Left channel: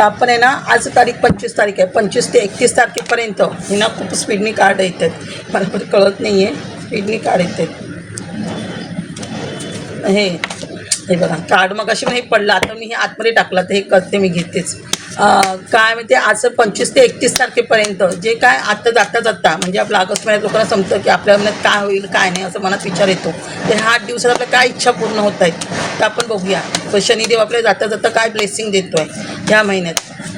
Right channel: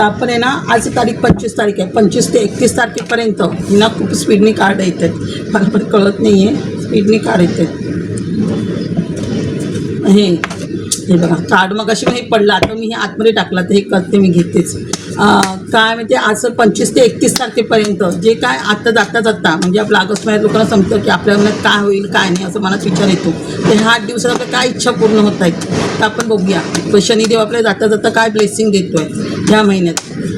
आता आपण आहे ना, आज तारीख 25 तारीख आहे, 25 ते 31 तारखेपर्यंत हे ना खूप स्पीडनी कार्ड येत आहेत. मला पण कळत नाही आहे, स्पीडनी कार्ड येत आहेत. हे बघा कार्ड मग अशी पण हे पडलं, आता मी हे आतमध्ये टाकलं, तर हे करते मी, घेतेच. काय म्हणते, आज 25 ते 31 तारखेपर्यंत जे काय आता जाता म्हणजे आपलं ऑगस्ट महिन्यात लोकांना समजतं की आपल्या मनात काय होईल काय नाही, असं मनात विचार येतो. तर ह्या 8 दिवसात आपल्या काय इच्छा पूर्ण होत आहेत तर आपण बघूया. तर शनिदेव आपल्याला जाता काय ब्लेसिंग देतो आहे ह्या महिन्यात,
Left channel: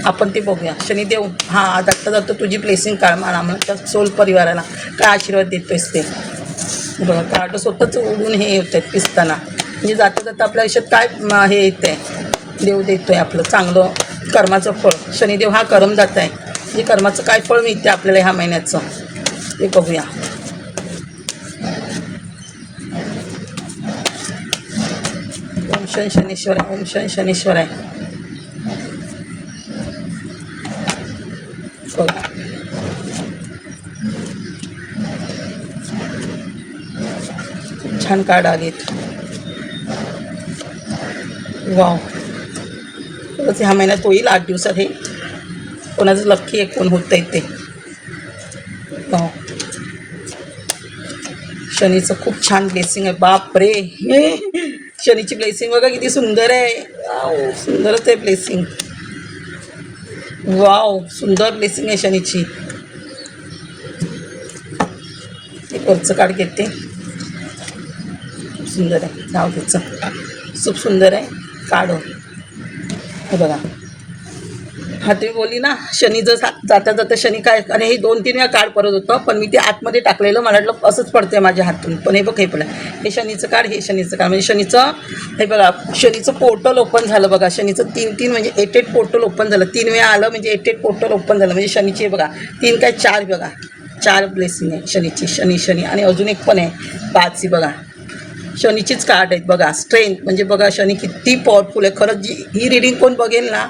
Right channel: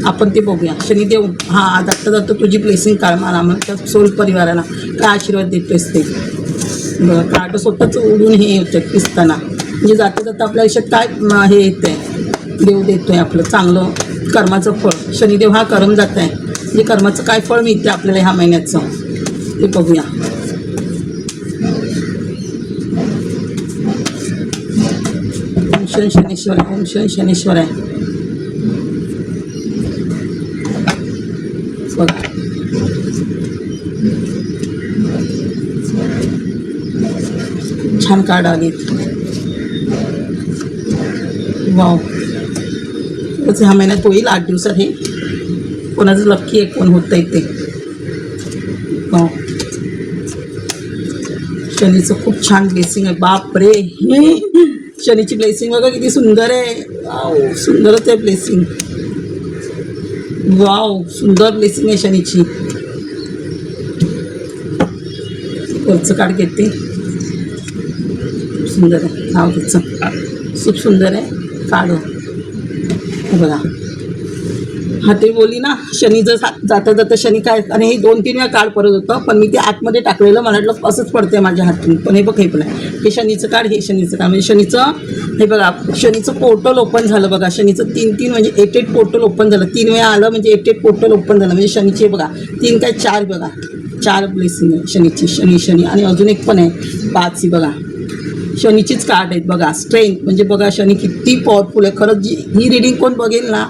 आपण ते बघूया. शनिदेव जाता तुझी ब्लेसिंग काढ म्हणा, त्या सोल परिवाराला काय आशीर्वाद देतोयस ते बघा. कार्ड स्वतःच उडून हे होतं आहे पिसताना, म्हणजे जाता आपल्या आयुष्यात काय हे येतं आहे, देव देतो आहे आपलं चांगलं कर्माचं फळ. शनिदेव हा कर्म जात आहे, म्हणजे कर्माचं काय फळ मिळते आपल्याला ह्या महिन्याचं ते बघूया. ओम शन शनीश्वर आहे, ओम शन शनीश्वर आहे. बघा छान कार्ड आलेत. वाव, ह्या महिन्यात होईल 8 दिवसात. हे कोणाचं लक्की आहे, कोण होतं आहे ते. शनीचं खूप छान ब्लेसिंग आहे. बाप रे, शनीची ब्लेसिंग बघा किती सुंदर आहे. वाव, सुंदरच आहे ब्लेसिंग. वाव, सुंदर ब्लेसिंग आहे शनीची. वरचं कार्ड घेते, खूप सुंदर आहे. नाव तिचं खूप सुंदर आहे कार्ड बघा. हा ते बोलली ना, शनी जर जाता शनी काय, आणि हे 2-3 वेळा कार्ड परत होतं, पण मी ते आतमध्ये टाकलेलं, मला वाटलं असंच पडते माझ्या हातून. पण हे बघ, हे पण आहे, हे शनीचं कार्ड, हे शनीचं कार्ड. म्हणजे शनीचं हे बघा, शनीचं पोर्टल ओपन झालं बघा. शनीचं 3 म्हणजे 8 पोर्टल ओपन झालं. 3 वेळा आलं म्हणजे 8 पोर्टल ओपन झालं. म्हणजे शनीचे बघा 3 काय 4 बघा, 4 ब्लेसिंग आहे शनीची. शनी आणि अजून एक पण आहे 5 बघा. शनीचीच कार्ड आहेत बघा. स्ट्रेंथ म्हणजे बघा शनी किती पॉवरफुल आहे खरंच. ही रीडिंग कोण बघेल ना,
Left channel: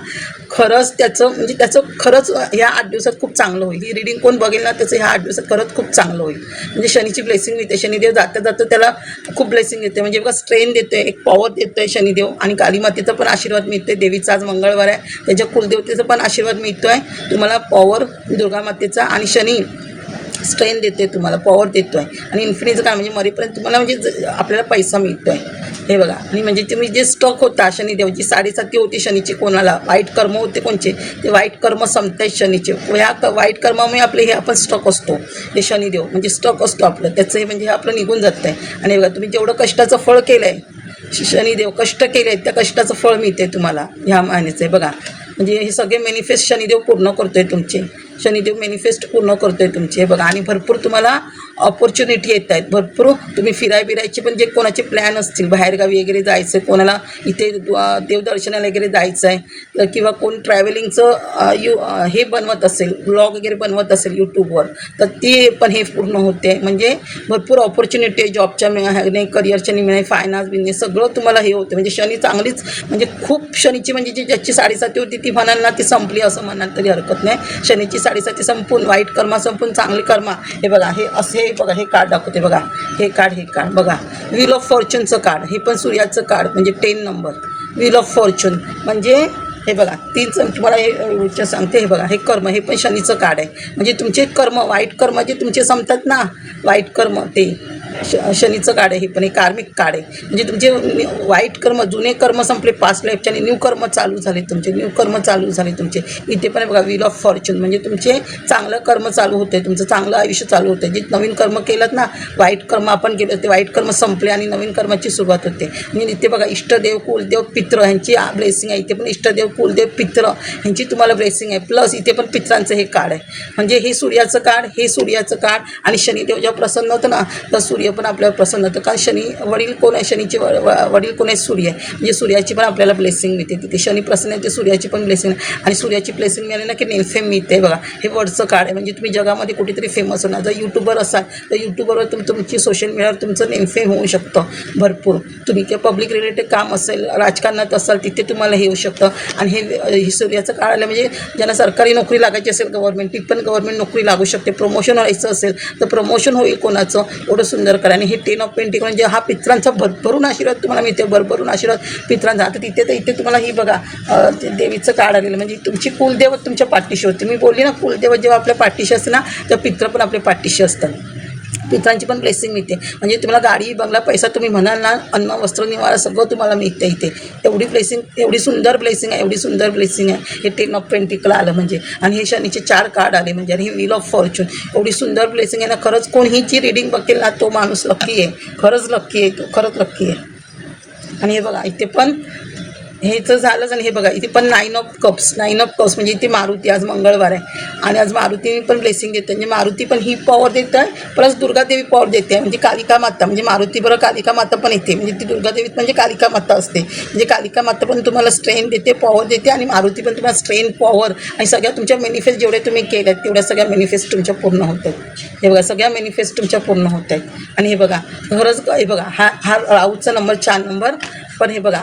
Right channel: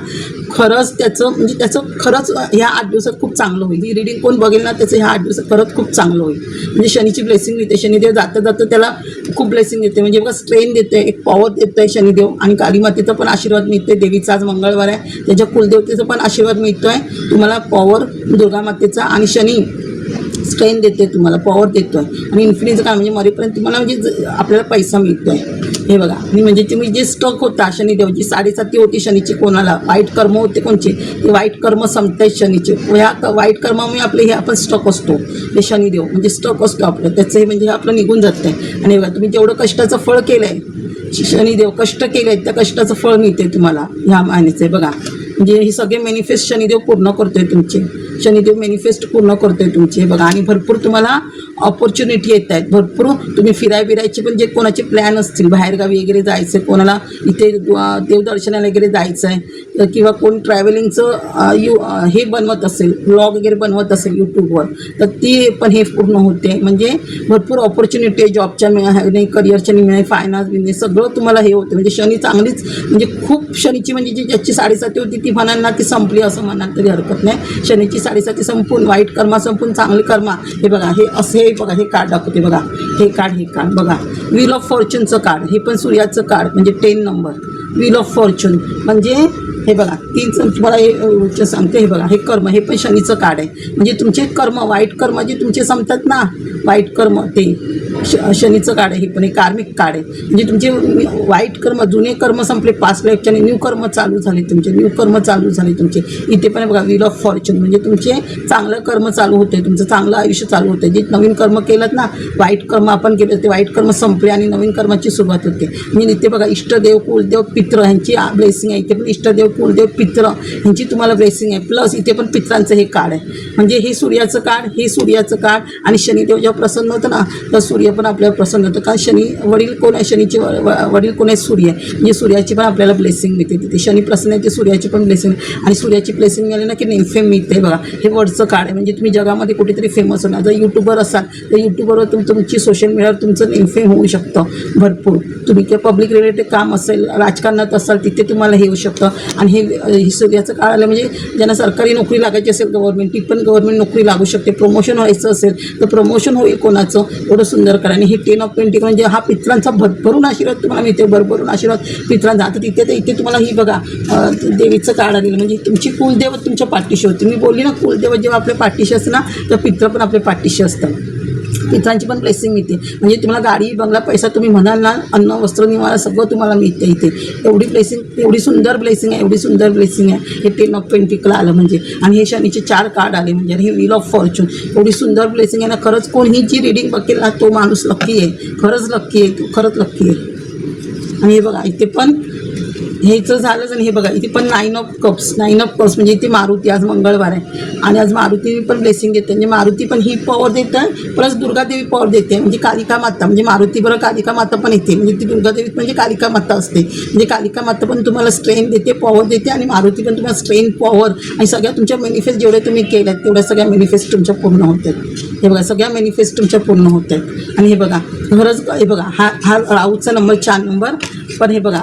खरंच त्याचं खरंच ह्या 8 दिवसात खूप चांगलं होईल. ही रीडिंग कोण बघेल ना, त्याचं ह्या 8 दिवसात खरंच खूप चांगलं होईल. म्हणजे शनीची ब्लेसिंग मिळते. शनिदेव जाता त्याला खूप ब्लेसिंग देते. म्हणजे बघा स्ट्रेंथ देते, एक पॉवर देतो आहे शनिदेव. आणि कालीमातेचा पण आशीर्वाद मिळते. देवीचा आज मंगळवार आहे, त्याच्या कुलदेवतेचा पण आशीर्वाद मिळतो आहे तुम्हाला. पॉवर दुर्गामातेचा, आणि शनी स्ट्रेंथ देते तुम्हाला, पॉवर देतो आहे. आणि इन्फिनिटीचं काय म्हणजे मरेपर्यंत तुम्हाला म्हणजे आपल्याला पैसा मिळतो आहे हे बघा. आणि म्हणजे तुम्ही जे स्टक होता शनिदेवची 7.5 होती शनीची, कोणाला वाईट कर्म होते कोणचे, ते वाईट कर्म संपते शनीचे. ह्या वाईट कर्मामुळे आपले हे आपण स्टक असतो, हे शनिदेव म्हणजे स्टक असतो आपलं, त्याचं हे म्हणजे हे आपलं निघून जातं आहे. आणि बघा तुम्ही जेवढं कष्टाचं फळ केलं आहे, शनिदेव कष्ट केले आहेत त्या कष्टाचं फळ मिळते तुम्हाला ह्या महिन्याचं बघा. म्हणजे हे सगळे मॅनिफेस्ट शनिदेव पूर्ण करतो आहे तुमचे. शनिदेव मॅनिफेस्ट पूर्ण करतो आहे तुमचे बघा. आणि भरपूर तुम्हाला ऑपॉर्च्युनिटी येत आहेत, भरपूर तुम्ही फिरायचे पण जे कोणाचे प्लॅन असतील, बाहेरगावी वगैरे जायचं आहे, कोणाला इथे देवदर्शनाला वगैरे जायचं आहे, किंवा कोण ट्रॅव्हलिंगचं हे बनवत असेल, ब्लॉग वगैरे बनवत असेल यूट्यूबवर, तर ती पण हे पूर्ण होते. म्हणजे भरपूर ऑपॉर्च्युनिटी आहे जॉबच्या मिळणे, करिअरच्या मिळणे, फायनान्स बिझनेस सगळं तुम्हाला हे होते. म्हणजे शनी चांगलीच म्हणजे खूप शनीची म्हणजे ज्याची 7.5 होती ती म्हणाल ना, ती संपली असं म्हणाल तरी हरकत नाही. शनीची 7.5 संपून वाईट कर्मा संपून चांगली कर्मा. हे बघा, हे असे बघा, हे कार्ड दाखवते बघा. हे कार्ड बघा, व्हील ऑफ फॉर्च्यूनचं कार्ड. हे पण सूर्याचं कार्ड म्हणजे 10 नंबर व्हील ऑफ फॉर्च्यून. म्हणजे हे बघा 3 तुम्हाला हे सांगते. हे बघा, हे कर्म, हे पण शनीचं कार्ड आहे. म्हणजे तुमचे कर्म, वाईट कर्म जे तुमचे संपतात ना, वाईट कर्म, ते शनीचं कार्ड आहे. हे पण एक कार्मिक कार्ड आहे. म्हणजे तुमचे वाईट कर्म, जुने कर्म संपले पास्ट लाईफचे, आणि न्यू कर्म चालू झाले तुमचे, न्यू कर्म चालू झाले तुमचे. इथे पण बघा व्हील ऑफ फॉर्च्यून, म्हणजे तुमचे चांगलं कर्म चालू होते, तुमचं चांगलं आयुष्य चालू होते. जे नवीन कर्म केलं ना, वाईट कर्म आपण केलं, ते वाईट कर्म संपले आणि नवीन कर्माची सुरुवात होते. म्हणजे इथे बघा इष्टदेव, कुलदेव, पित्र ह्यांची ब्लेसिंग आहे. इथे पण इष्टदेव, कुलदेव, पित्र ह्यांची तुम्हाला ब्लेसिंग आहे. प्लस इथे पण पित्रांचं हे कार्ड आहे. म्हणजे हे सूर्याचं कार्ड, हे सूर्याचं कार्ड. आणि शनिदेव जेव्हा प्रसन्न होतं ना, तर सूर्य पण आपल्याला प्रसन्न होतं. कारण शनी वडील कोण आहे, शनीचे वडील कोण आहे, सूर्य. म्हणजे सूर्याची पण आपल्याला ब्लेसिंग मिळते तिथे. शनी प्रसन्न आहे ते सूर्याची पण ब्लेसिंग. आणि सूर्याची ब्लेसिंग मिळाली ना की नेमफेम मिळते बघा. हे वरचं कार्ड आहे. म्हणजे तुम्ही जगामध्ये कुठेतरी फेमस होणार. जर यूट्यूबर असाल तर यूट्यूबवर तुमची सोशल मीडियावर तुमचं नेमफेम होऊ शकतं भरपूर. तुम्ही किंवा पब्लिक रिलेटेड काम असेल, राजकारणात असाल, तिथे तुम्हाला हे होऊ शकतं. आणि हे सूर्याचं काळ आलं म्हणजे ज्यांना सरकारी नोकरी लागायची असेल गव्हर्नमेंट, ती पण गव्हर्नमेंट नोकरी लागू शकते. प्रमोशन व्हायचं असेल तर प्रमोशन होईल कोणाचं, एवढं सुंदर करा. आणि हे 10 ऑफ पेंटिकल म्हणजे हा पित्रांचा भरभरून आशीर्वाद तुम्हाला मिळते, भरभरून आशीर्वाद पित्रांचा. आता तिथे तर इथे तुम्हाला ही बघा देवीचं काळ आलेलं म्हणजे तुमची कुलदेवत तुमच्या पाठीशी होते. मी बोलली ना कुलदेवत जेव्हा आपल्या पाठीशी असते ना तेव्हा पित्र पण आपल्या पाठीशी असतात. पित्रांची पण ब्लेसिंग मिळते. म्हणजे तुम्हाला गाडी बंगला पैसा तुम्ही म्हणाल ना, अन्न वस्त्र निवारा सगळं तुम्हाला मिळते इथे. एवढी ब्लेसिंग, एवढी सुंदर ब्लेसिंग आहे, एवढी सुंदर ब्लेसिंग आहे. हे 10 ऑफ पेंटिकल आलं म्हणजे, आणि हे शनीचे 4 कार्ड आले म्हणजे, आणि हे व्हील ऑफ फॉर्च्यून. एवढी सुंदर ब्लेसिंग आहे ना. खरंच कोणी जी रीडिंग बघेल ना तो माणूस लक्की आहे, खरंच लक्की आहे, तो खरंच लक्की आहे. आणि हे बघा इथे पण हेचं झालंच. आणि हे बघा इथे पण 9 ऑफ कप्स म्हणजे इथे मारुती, आज मंगळवार आहे आणि आज मारुती पण ब्लेसिंग देते. म्हणजे मारुती पण ही पॉवर देत आहे, प्लस दुर्गादेवी पॉवर देते. म्हणजे कालिका माता, म्हणजे मारुती बरोबर कालिका माता पण येते. म्हणजे ती दुर्गादेवीत म्हणजे कालिका माता असते. म्हणजे कालिका माता पण तुम्हाला स्ट्रेन देते, पॉवर देते, आणि मारुती पण तुम्हाला स्ट्रेन, पॉवर, आणि सगळ्या तुमच्या मॅनिफेस्ट जेवढे तुम्ही केल्यात तेवढ्या सगळ्या मॅनिफेस्ट तुमच्या पूर्ण होत आहेत. हे बघा सगळ्या मॅनिफेस्ट तुमच्या पूर्ण होत आहेत. आणि हे बघा खरंच, हे बघा हा राऊचा नंबर 4 नंबर. पण हे बघा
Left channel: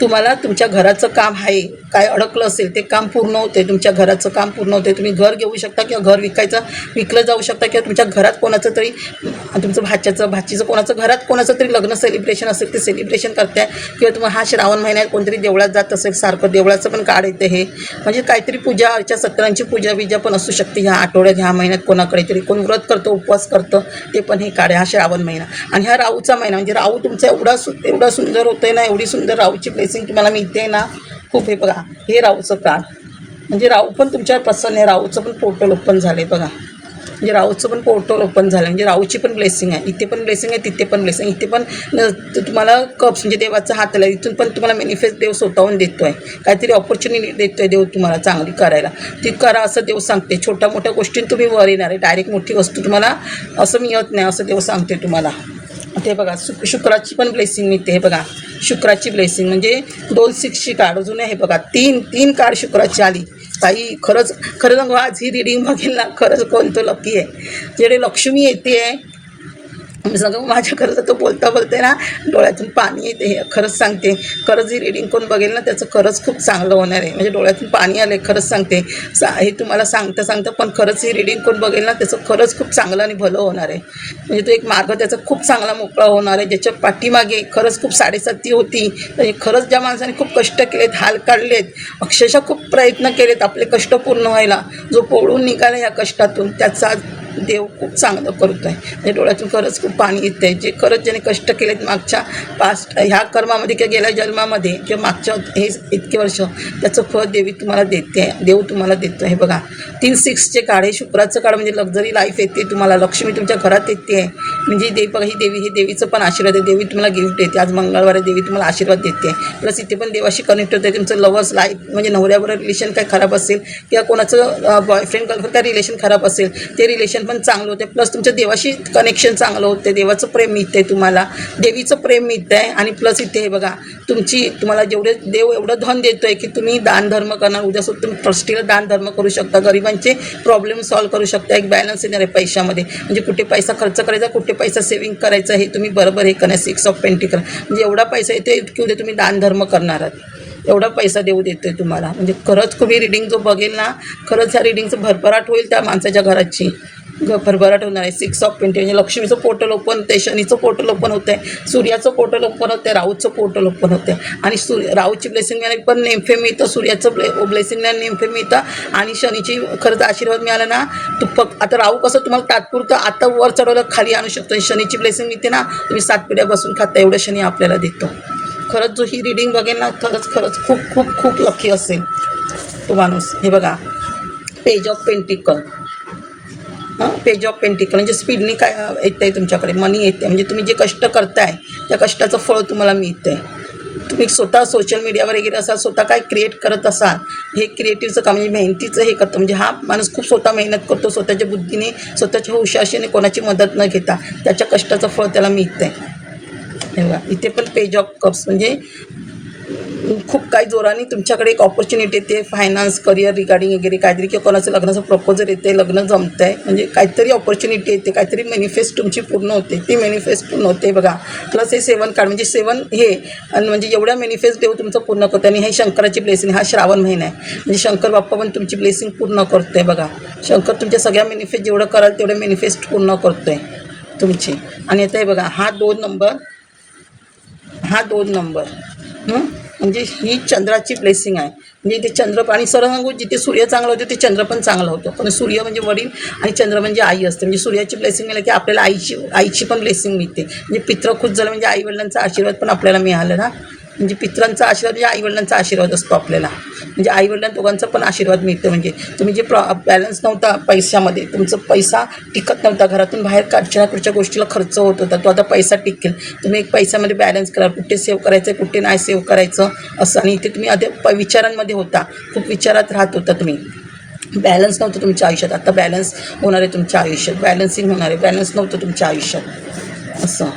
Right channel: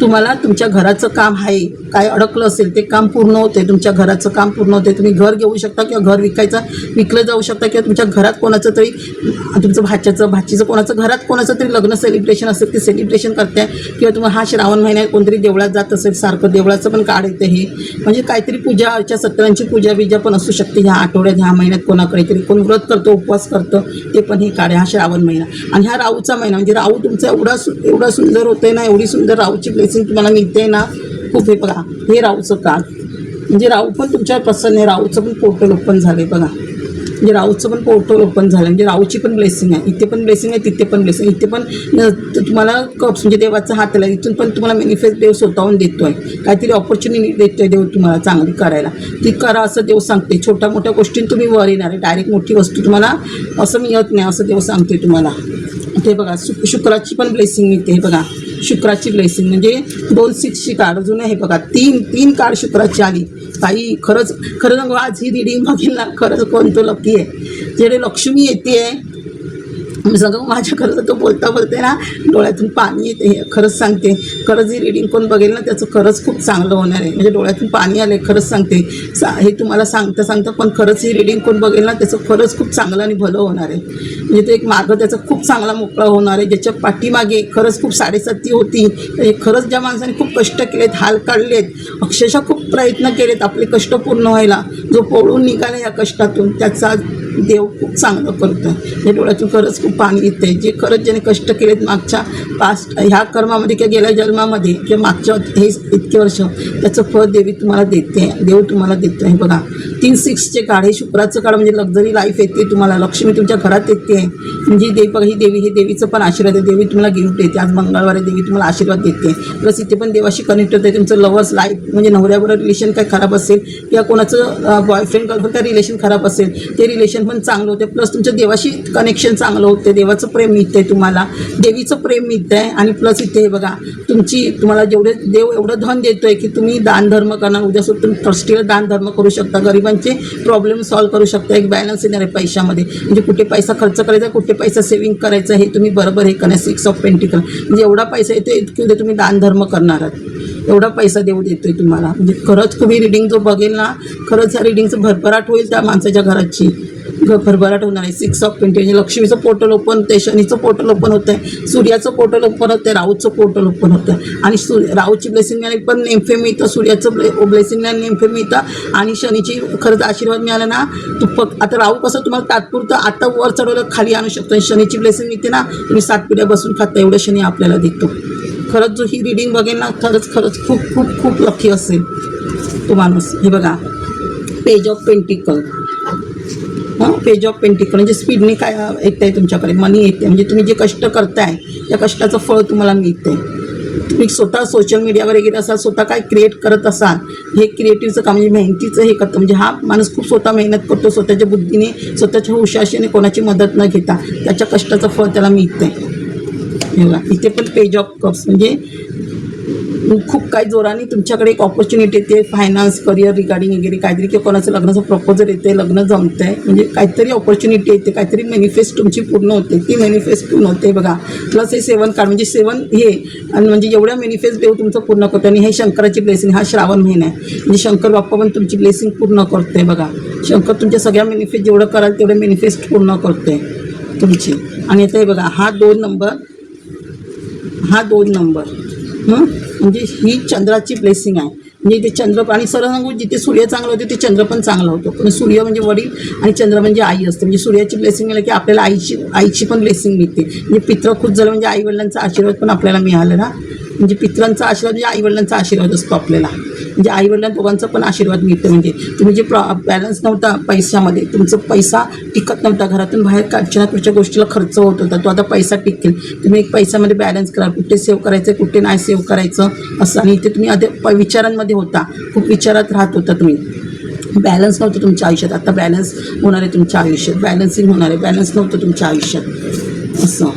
तुम्हाला तुमच्या घराचं काम आहे, काय अडकलं असेल ते काम पूर्ण होते. तुमच्या घराचं काम पूर्ण होते. तुम्ही घर घेऊ शकता किंवा घर विकलं जाऊ शकता, किंवा तुमच्या घरात कोणाचं तरी, तुमचं भाचीचं कोणाचं घरात कोणाचं तरी लग्न सेलिब्रेशन असेल ते सेलिब्रेशन करताय, किंवा तुम्हाला हा श्रावण महिन्यात कोणतरी देवळात जात असेल सारखं, देवळाचं पण कार्ड येते. हे म्हणजे काहीतरी पूजा अर्चा, सत्रांची पूजा बिजा पण असू शकते ह्या आठवड्यात, ह्या महिन्यात कोणाकडे तरी कोण व्रत करतो, उपवास करतं, ते पण हे कार्ड आहे. हा श्रावण महिना आणि हा राऊचा महिना म्हणजे राऊ तुमचा एवढा सुंदर होतोय ना, एवढी सुंदर राऊची ब्लेसिंग तुम्हाला मिळते ना खूप. हे बघा हे राऊचं कार्ड म्हणजे राऊ पण तुमच्यावर प्रसन्न आहे. राऊचं पण पोर्टल ओपन झाले बघा, म्हणजे राऊचं पण पोर्टल ओपन झालं म्हणजे राऊची पण ब्लेसिंग आहे. इथे पण ब्लेसिंग आहे, तिथे पण ब्लेसिंग. इथे पण तुम्हाला कप्स म्हणजे देवाचा हात आला, इथून पण तुम्हाला मॅनिफेस्ट देव स्वतःहून देतो आहे. काहीतरी ऑपॉर्च्युनिटी देतो आहे देव तुम्हाला चांगली करायला, ती करा असं देव सांगते. छोट्या मोठ्या गोष्टींत तुम्ही वर येणार आहे, डायरेक्ट मोठी वस्तू तुम्हाला असं मिळत नाही असं देव सांगते तुम्हाला. ते बघा शुक्राची पण ब्लेसिंग मिळते. हे बघा शुक्राची ब्लेसिंग म्हणजे 2 6ची कार्ड अजून आहे. हे बघा 3 कार्ड शुक्राची आली. ताई खरंच सांगू, आज ही रीडिंग बघेल ना खरंच कोणतं लकी आहे. जेणे लक्ष्मी येते आहे सगळं माझ्या खरंच तो बोलता ना डोळ्यातून पाणी येते. हे खरंच सांगते, खरंच ही रीडिंग कोण बघेल ना त्याचं खरंच खूप चांगलं होणार आहे. म्हणजे डोळ्यातून पाणी आले खरंच सांगते. हे तुम्हाला सांगता पण खरंच ही रीडिंग कोण बघेल ना त्याचं खरंच खूप चांगलं आणि भलं होणार आहे. म्हणजे तो एक मार्ग त्याचा खूप चांगला मोकळा होणार आहे. ज्याच्या पाठीमागे खरंच खूप 7.5 होती, तर खरंच ज्या माणसाने खूप कष्ट केलेत, हाल काढलेत, अक्षरशः खूप प्रयत्न केलेत आपले कष्ट पूर्ण व्हायला, जो पळून निघाला या कष्टातून त्याचा देव खूप चांगलं करतो आहे. म्हणजे डोळ्यातून खरंच खूप पाणी येतं आहे. जे खरंच ज्याने कष्ट केलेत मागच्या पास्ट ह्या कर्मामध्ये किंवा गेल्या जन्मामध्ये किंवा मागच्या हे इतके वर्ष, त्याचं फळ देवी तुम्हाला देते, देव तुम्हाला देतो आहे. बघा 3 6चे कार्ड, हे शुक्राचं कार्ड म्हणजे लक्झरी लाईफ येते तुम्हाला, लक्ष्मी तुमच्या घरात येते आहे. म्हणजे देवी बघा ही देवी, हे देवीचं पण आशीर्वाद आहे. देवी तुम्हाला गिफ्ट देते. आज मंगळवार आहे, देवी तुम्हाला आशीर्वाद देते. प्लस इथे पण देवाशी कनेक्ट होते. तुमचं लवर्स लाईफ म्हणजे नवऱ्याबरोबर रिलेशन काय खराब असेल किंवा कोणाचं बॉयफ्रेंड गर्लफ्रेंड काय रिलेशन खराब असेल ते रिलेशन पण चांगलं होते. प्लस तुमच्या देवाशी कनेक्शन चांगलं होते, देवाचं प्रेम मिळते तुम्हाला, देवीचं प्रेम मिळतं आहे. आणि प्लस इथे हे बघा तुम्हाला जेवढे देव एवढं धन देतो आहे की तुम्ही दान धर्म करणार. उद्या सुद्धा तुम्ही ट्रस्टीला दान धर्म करू शकता, गरिबांचे प्रॉब्लेम सॉल्व्ह करू शकता. एक बॅलन्स येणार आहे पैशामध्ये, म्हणजे कुठे पैसा खर्च करायचा, कुठे पैसा सेव्हिंग करायचा, हे तुम्ही बरोबर हे करणार. 6 ऑफ पेंटिकल म्हणजे एवढा पैसा येतो इतकी उद्या तुम्ही दान धर्म करणार आहात, एवढा पैसा देऊ देतोय तुम्हाला. म्हणजे खरंच खूप ही रीडिंग जो बघेल ना खरंच ह्या रीडिंगचं भरभराट होईल, त्या माणसाच्या घराची भरभराट होणार आहे. 6 ऑफ पेंटिकल म्हणजे लक्ष्मीचं पोर्टल ओपन होते, शनीचं पोर्टल ओपन होतं आहे, सूर्याचं पोर्टल ओपन होतं आहे, राऊचं पोर्टल ओपन होतं आहे. आणि राऊची ब्लेसिंगने पण नेमफे मिळतं, सूर्याचं ब्लेसिंगने नेमफे मिळतं, आणि शनीची खरंच आशीर्वाद मिळाला ना तू फक्त. आता राहू कसं तुम्हाला तात्पुरतं आता वर चढवलं खाली आणू शकतो, शनीची ब्लेसिंग मिळते ना तुम्ही 7 पिढ्या बसून खाता एवढं शनी आपल्याला देतो. खरंच जो ही रीडिंग बघेल ना खरंच खूप खूप खूप लकी असेल तो माणूस. हे बघा page of pentacle, page of pentacle म्हणजे स्पीडने काय येतं आहे तुमच्याकडे, मनी येते. म्हणजे तुम्ही जे कष्ट करताय त्या कष्टाचं फळ तुम्हाला मिळतं आहे. तुम्ही स्वतः सोशल मीडियावर वगैरे असाल, स्वतः काय क्रिएट करत असाल, हे क्रिएटिव्हचं काम म्हणजे मेहनतीचं हे करतं. म्हणजे हा माणूस खूप स्वतः मेहनत करतो, स्वतःच्या बुद्धीने, स्वतःच्या हुशारीने, कोणाची मदत न घेता त्याच्या कष्टाचं फळ त्याला मिळतं आहे. बघा इथे पण पेज ऑफ कप्स म्हणजे खूप काही जोराने तुमच्याकडे एक ऑपॉर्च्युनिटी येते, फायनान्स, करिअर रिगार्डिंग वगैरे काहीतरी, किंवा कोणाचं लग्नाचं प्रपोजल येते, लग्न जमतं आहे, म्हणजे काहीतरी ऑपॉर्च्युनिटी येते, काहीतरी मॅनिफेस्ट तुमची पूर्ण होते, ती मॅनिफेस्ट पूर्ण होते बघा. प्लस हे 7 कार्ड म्हणजे 7 हे, आणि म्हणजे एवढ्या मॅनिफेस्ट देव तुमचं पूर्ण करतो. आणि हे शंकराची ब्लेसिंग, हा श्रावण महिना आहे, म्हणजे शंकर बाप्पा पण तुमची ब्लेसिंग पूर्ण करतो आहे बघा. शंकर तुमच्या सगळ्या मॅनिफेस्ट जेवढं कराल तेवढे मॅनिफेस्ट पूर्ण करतो आहे तुमची. आणि आता हे बघा, हा 2 नंबर, हा 2 नंबर, म्हणजे ही चंद्राची ब्लेसिंग आहे. म्हणजे ते चंद्र, आणि सरळ सांगू, जिथे सूर्य चांगला होतो ते चंद्र पण चांगला होतो. पण सूर्य म्हणजे वडील आणि चंद्र म्हणजे आई असते. म्हणजे सूर्याची ब्लेसिंग मिळाली की आपल्याला आईची पण ब्लेसिंग मिळते. म्हणजे पित्र खुश झालं म्हणजे आईवडिलांचा आशीर्वाद पण आपल्याला मिळाला ना. म्हणजे पित्रांचा आशीर्वाद म्हणजे आईवडिलांचा आशीर्वाद असतो आपल्याला. म्हणजे आईवडिलांना दोघांचा पण आशीर्वाद मिळतो. म्हणजे तुम्ही जे बॅलन्स नव्हता पैशामध्ये, तुमचा पैसा टिकत नव्हता, घरातून बाहेर काढच्या पुढच्या गोष्टीला खर्च होत होता, तो आता पैसा टिकेल. तुम्ही एक पैशामध्ये बॅलन्स करा, कुठे सेव्ह करायचं, कुठे नाही सेव्ह करायचं असं. आणि इथे तुम्ही आधी विचारांमध्ये होता, खूप विचारात राहत होता तुम्ही, बॅलन्स नव्हतं तुमच्या आयुष्यात. आता बॅलन्स होणार आहे तुमच्या आयुष्यात, बॅलन्सिंग होणार आहे. बॅलन्स नव्हतं तुमच्या आयुष्यात असं.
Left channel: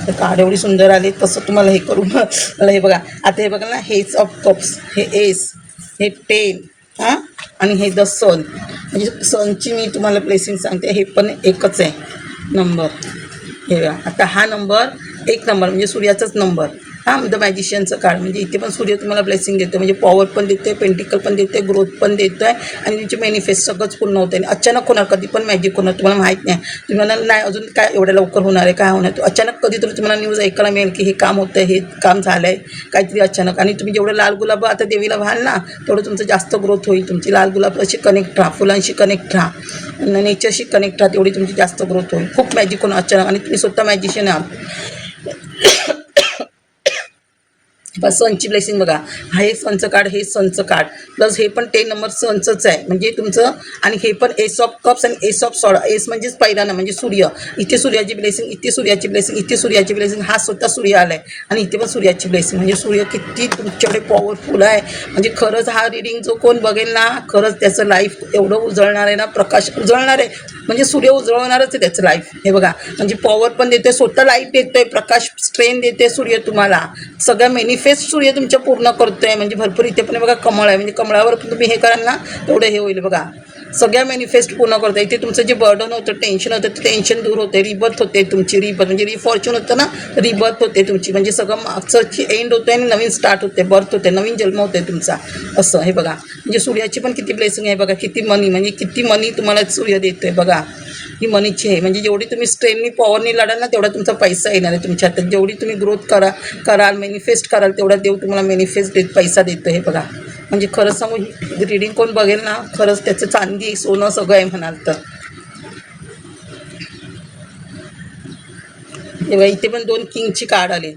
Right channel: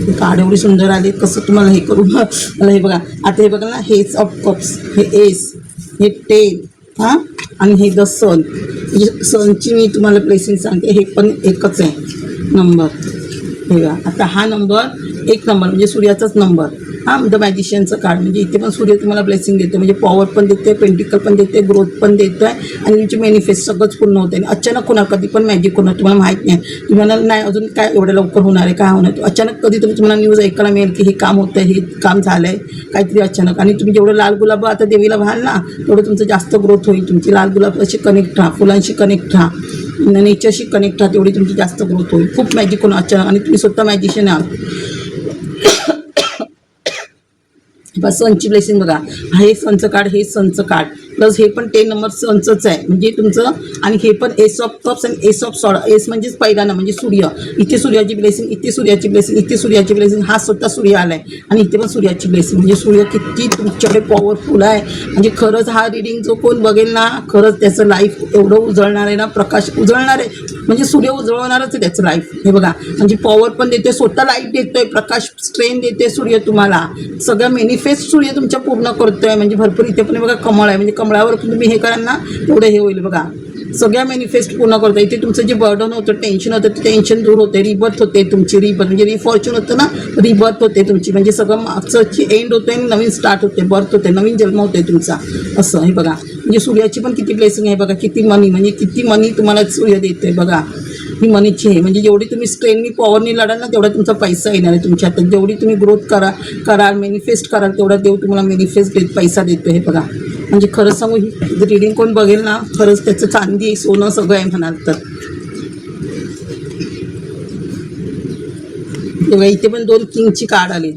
तर कार्ड एवढी सुंदर आली, कसं तुम्हाला हे करू मला हे बघा. आता हे बघा ना, हेच ऑफ कप्स, हे एस, हे 10, हां, आणि हे 10 सन. म्हणजे सनची मी तुम्हाला ब्लेसिंग सांगते, हे पण एकच आहे नंबर. हे बघा, आता हा नंबर 1 नंबर म्हणजे सूर्याचाच नंबर. हां, द मॅजिशियनचं कार्ड, म्हणजे इथे पण सूर्य तुम्हाला ब्लेसिंग देतो, म्हणजे पॉवर पण देते, पेंटिकल पण देते, ग्रोथ पण देतो आहे, आणि तुमची मॅनिफेस्ट सगळंच पूर्ण होतं आहे. आणि अचानक होणार, कधी पण मॅजिक होणार, तुम्हाला माहीत नाही. तुम्हाला नाही अजून काय एवढ्या लवकर होणार आहे, काय होणार, अचानक कधीतरी तुम्हाला न्यूज ऐकायला मिळेल की हे काम होतं आहे, हे काम झालं आहे काहीतरी अचानक. आणि तुम्ही जेवढे लाल गुलाब आता देवीला व्हाल ना, तेवढं तुमचं जास्त ग्रोथ होईल. तुमची लाल गुलाबाशी कनेक्ट राहा, फुलांशी कनेक्ट राहा, नेचरशी कनेक्ट राहा, तेवढी तुमची जास्त ग्रोथ होईल. खूप मॅजिक होणार अचानक, आणि तुम्ही स्वतः मॅजिशियन आहात. बस सनची ब्लेसिंग बघा, हे सनचं कार्ड, हे सनचं कार्ड, प्लस हे पण 10 नंबर सनचंच आहे म्हणजे तुमचं. आणि हे पण एस ऑफ कप्स आणि एस ऑफ सॉर्ड. एस म्हणजेच पहिल्यानं म्हणजे सूर्य, इथे सूर्याची ब्लेसिंग, इथे सूर्याची ब्लेसिंग, इथे सूर्याची ब्लेसिंग, हा स्वतः सूर्य आला आहे, आणि इथे पण सूर्याची ब्लेसिंग. म्हणजे सूर्य किती तुमच्याकडे पॉवरफुल आहे. म्हणजे खरंच हा रिडिंग जो कोण बघेल ना, खरंच त्याचं लाईफ एवढं उजळणार आहे ना, प्रकाश उजळणार आहे, म्हणजे सूर्य उजळवणारच आहे त्याचं लाईफ. हे बघा, म्हणजे पॉवर पण देते, स्वतः लाईफ देतोय, प्रकाश स्ट्रेन देते सूर्य तुम्हाला, सगळ्या मॅनिफेस्ट सूर्य तुमच्या पूर्ण करतोय. म्हणजे भरपूर इथे पण बघा कमळ आहे, म्हणजे कमळावर पण तुम्ही हे कराल ना तेवढं हे होईल बघा, सगळ्या मॅनिफेस्ट पूर्ण करतोय. इथे तुमचं जे बर्डन होतं, टेन्शन होतं, ते टेन्शन दूर होते, रिबर्थ होते तुमची. रिबर्थ म्हणजे रिफॉर्च्यून होतं ना, रिबर्थ होते तुमची, म्हणजे सगळं मागचं एंड होतं आणि नवीन स्टार्ट होते, बर्थ होते, नवीन जन्म होते तुमचा असं. हे बघा, म्हणजे सूर्याची पण किती ब्लेसिंग आहे बघा, किती मनी, म्हणजे किती मनी तुम्हाला सूर्य देतोय बघा. ही मनीची आहे, म्हणजे जेवढी तुम्ही स्ट्रेननी पॉवरनी लढाल ना तेवढा तुमचा पैसा येणार आहे तुमच्या हातात. जेवढी तुम्ही ग्रोथ कराल मॅनिफेस्ट कराल तेवढा देव तुम्हाला मॅनिफेस्ट पैसा देतो. हे बघा, म्हणजे खरंच सांगू, ही रिडिंग कोण बघेल ना, खरंच त्याचं चांदी सोनं सगळं आहे म्हणाल तर. तेव्हा इथे पण 2 किंगची कार्ड आली,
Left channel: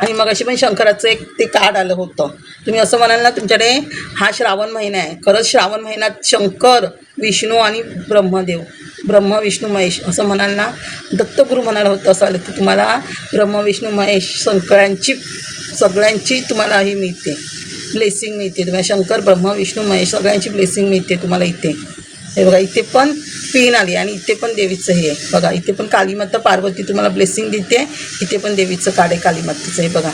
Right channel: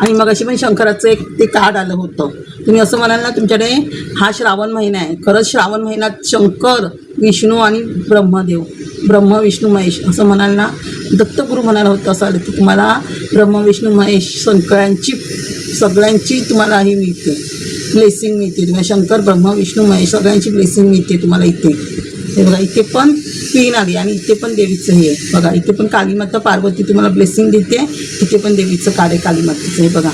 आणि मग अशी पण शंकराचं एक ते कार्ड आलं होतं. तुम्ही असं म्हणाल ना, तुमच्याकडे हा श्रावण महिना आहे, खरंच श्रावण महिन्यात शंकर, विष्णू आणि ब्रह्मदेव, ब्रह्म विष्णू महेश असं म्हणाल ना, दत्तगुरू म्हणाल होतं असं आलं तर तुम्हाला ब्रह्म विष्णू महेश सगळ्यांची तुम्हाला ही मिळते, ब्लेसिंग मिळते तुम्हाला. शंकर, ब्रह्म विष्णू महेश सगळ्यांची ब्लेसिंग मिळते तुम्हाला इथे. हे बघा, इथे पण पिन आली, आणि इथे पण देवीचं हे बघा, इथे पण कालीमाता पार्वती तुम्हाला ब्लेसिंग देते, इथे पण देवीचं कार्ड आहे कालीमातेचं. हे बघा,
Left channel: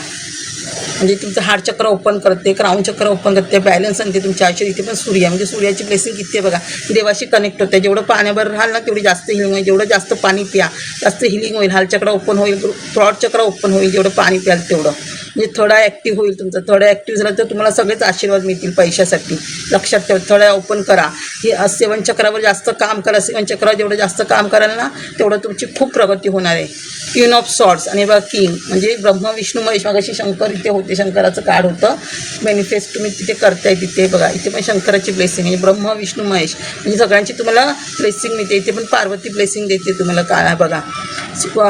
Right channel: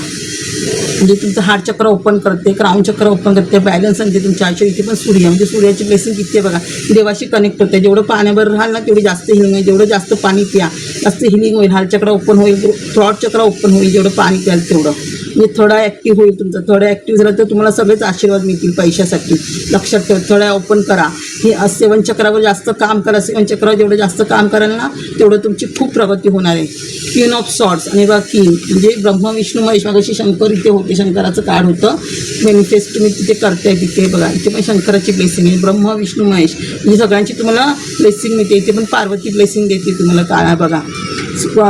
म्हणजे तुमचं हार्ट चक्र ओपन करते, क्राऊन चक्र ओपन करते, बॅलन्स आणते तुमच्या आयुष्यात. इथे पण सूर्य, म्हणजे सूर्याची ब्लेसिंग किती आहे बघा, देवाशी कनेक्ट होते. जेवढं पाण्यावर राहाल ना तेवढी जास्त हिलिंग होईल, जेवढं जास्त पाणी प्या जास्त हिलिंग होईल, हार्ट चक्र ओपन होईल, थ्रॉट चक्र ओपन होईल, जेवढं पाणी प्याल तेवढं. म्हणजे थोडा ॲक्टिव्ह होईल तुमचं, थोडं ॲक्टिव्ह झालं तर तुम्हाला सगळेच आशीर्वाद मिळतील पैशासाठी. लक्षात ठेवा, थोडा ओपन करा. ही 7 चक्रावर जास्त काम करा, 7 चक्रावर जेवढं जास्त काम कराल ना तेवढं तुमची खूप प्रगती होणार आहे. क्वीन ऑफ सॉर्ड्स, आणि बघा किंग म्हणजे ब्रह्म विष्णू महेश. मगाशी शंकर इथे होते, शंकराचं कार्ड होतं, मॅनिफेस्ट तुम्ही तिथे करताय तिथे बघा, इथे पण शंकराची ब्लेसिंग आहे, ब्रह्म विष्णू महेश म्हणजे सगळ्यांची तुम्हाला ब्लेसिंग मिळते. इथे पण पार्वती ब्लेसिंग देते तुम्हाला, काय बघा,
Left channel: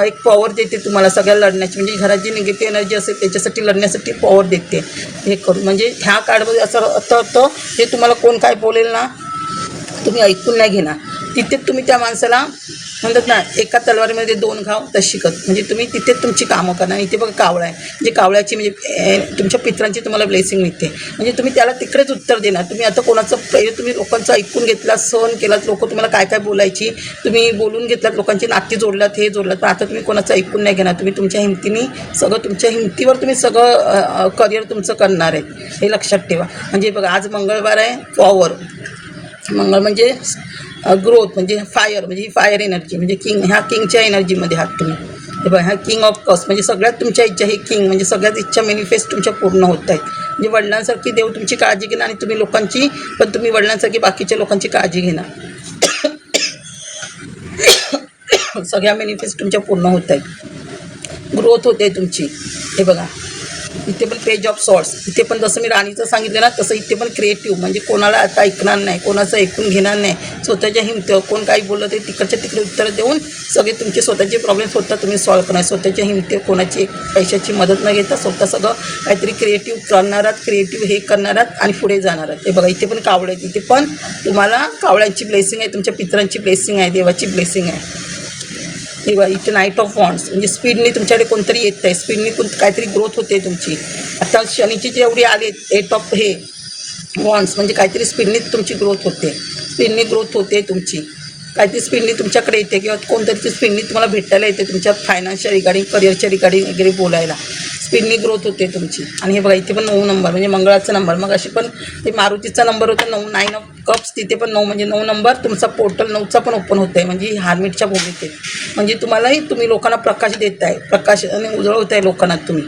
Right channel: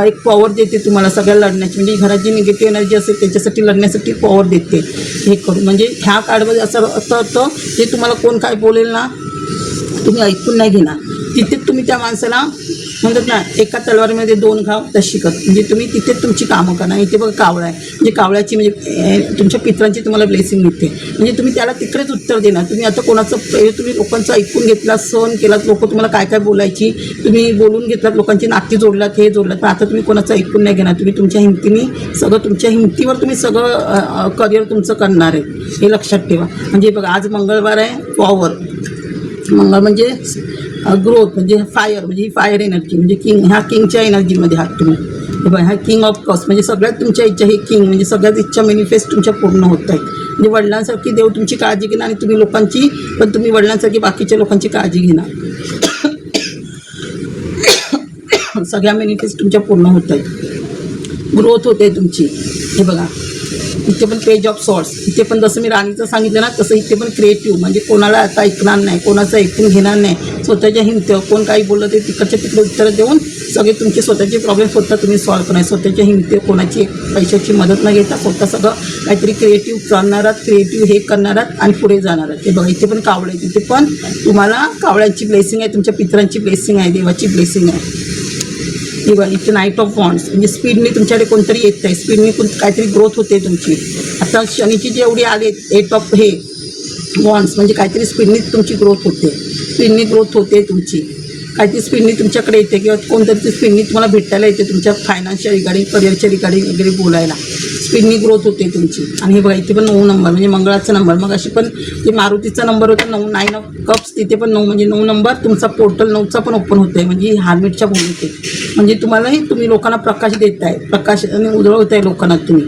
एक पॉवर देते तुम्हाला सगळ्या लढण्याची, म्हणजे घरात जी निगेटिव्ह एनर्जी असेल त्याच्यासाठी लढण्यासाठी पॉवर देते हे करून. म्हणजे ह्या कार्डमध्ये असं होतं, ते तुम्हाला कोण काय बोलेल ना तुम्ही ऐकून नाही घेणार, तिथे तुम्ही त्या माणसाला म्हणतात ना, एका तलवारीमध्ये 2 घाव तशी कत. म्हणजे तुम्ही तिथे तुमची कामं करणार. इथे बघा कावळा आहे, म्हणजे कावळ्याची म्हणजे तुमच्या पित्रांची तुम्हाला ब्लेसिंग मिळते. म्हणजे तुम्ही त्याला तिकडेच उत्तर देणार. तुम्ही आता कोणाचं तुम्ही लोकांचं ऐकून घेतला, सहन केलात, लोक तुम्हाला काय काय बोलायची, तुम्ही बोलून घेतलात, लोकांची नाती जोडलात, हे जोडलात. पण आता तुम्ही कोणाचं ऐकून नाही घेणार. तुम्ही तुमच्या हिमतीने सगळं, तुमच्या हिमतीवर तुम्ही सगळं करिअर तुमचं करणार आहे, हे लक्षात ठेवा. म्हणजे बघा, आज मंगळवार आहे, पॉवर. मंगळ म्हणजे ग्रोथ, म्हणजे फायर, म्हणजे फायर एनर्जी, म्हणजे किंग. ह्या किंगच्या एनर्जीमध्ये आहात तुम्ही. हे बघा, ह्या किंग ऑफ कप्स, म्हणजे सगळ्यात तुमच्या इच्छा, हे किंग म्हणजे सगळ्यात इच्छा मॅनिफेस्ट तुमच्या पूर्ण होत आहेत. म्हणजे वडिलांसारखी देव तुमची काळजी घेणार आणि तुम्ही लोकांची, पण तुम्ही वडिलांसारखी बाकीच्या लोकांची काळजी घेणार. सगळ्या मॅनिफेस्ट तुमच्या पूर्ण होत आहेत. ग्रोथ होते तुमची. हे बघा, इथे पण पेज ऑफ सॉर्ट्स. इथे पण जसं मी राणीचं सांगितलं ना, तसं इथे पण क्रिएटिव्ह, म्हणजे कोणाला आता ऐकणार नाही, कोणाचं ऐकून घेणार नाही. स्वतःच्या हिमतीवर कोण काही बोललं ते तिकडच्या तिकडे उत्तरं देऊन सगळे तुमचे स्वतःचे प्रॉब्लेम स्वतः तुम्ही सॉल्व्ह करणार. स्वतःच्या हिमतीवर कोणाची एक पैशाची मदत न घेता स्वतः सगळं काहीतरी क्रिएटिव्ह करणारात, क्रिएटिव्ह हे करणारात आणि पुढे जाणारात. हे बघा, इथे पण कावळे आहेत. इथे पण तुम्हाला कावळ्यांची ब्लेसिंग आहे, तुमच्या पितरांची ब्लेसिंग आहे, देवाची ब्लेसिंग आहे. हे बघा, इथे नाईट ऑफ वॉन्ड्स, म्हणजे स्पीडने तुमच्याकडे कोणतरी येत आहे, स्पीडने काहीतरी ग्रोथ होते तुमची. आता शनीची जी एवढी आली 8 ऑफ हे वॉन्ड्स, म्हणजे काहीतरी स्पीडने तुमची ग्रोथ होते, स्पीडने ग्रोथ होते तुमची, काहीतरी स्पीडने तुमच्याकडे येते, किंवा कोणतरी स्पीडने तुम्हाला भेटायला येते, तुमच्या फायनान्सच्या रिगार्डिंग, करिअरच्या रिगार्डिंग वगैरे बोलायला. स्पीडनी ग्रोथ होते तुमची. आणि हे बघा, इथे पण 9 नंबर, म्हणजे मंगळाचा नंबर. मग अशी पण ते मारुतीचा नंबर होता 9, 9 ऑफ कप्स. तिथे पण 9, म्हणजे 9 नंबर तुमचा पोर्टल 9चा पण ओपन होत आहे, म्हणजे हार्मिटच्या भूमीत आहे. म्हणजे तुम्हालाही, तुम्ही लोकांना प्रकाश देत आहे, प्रकाश आणि उजळवत आहे लोकांना तुम्ही.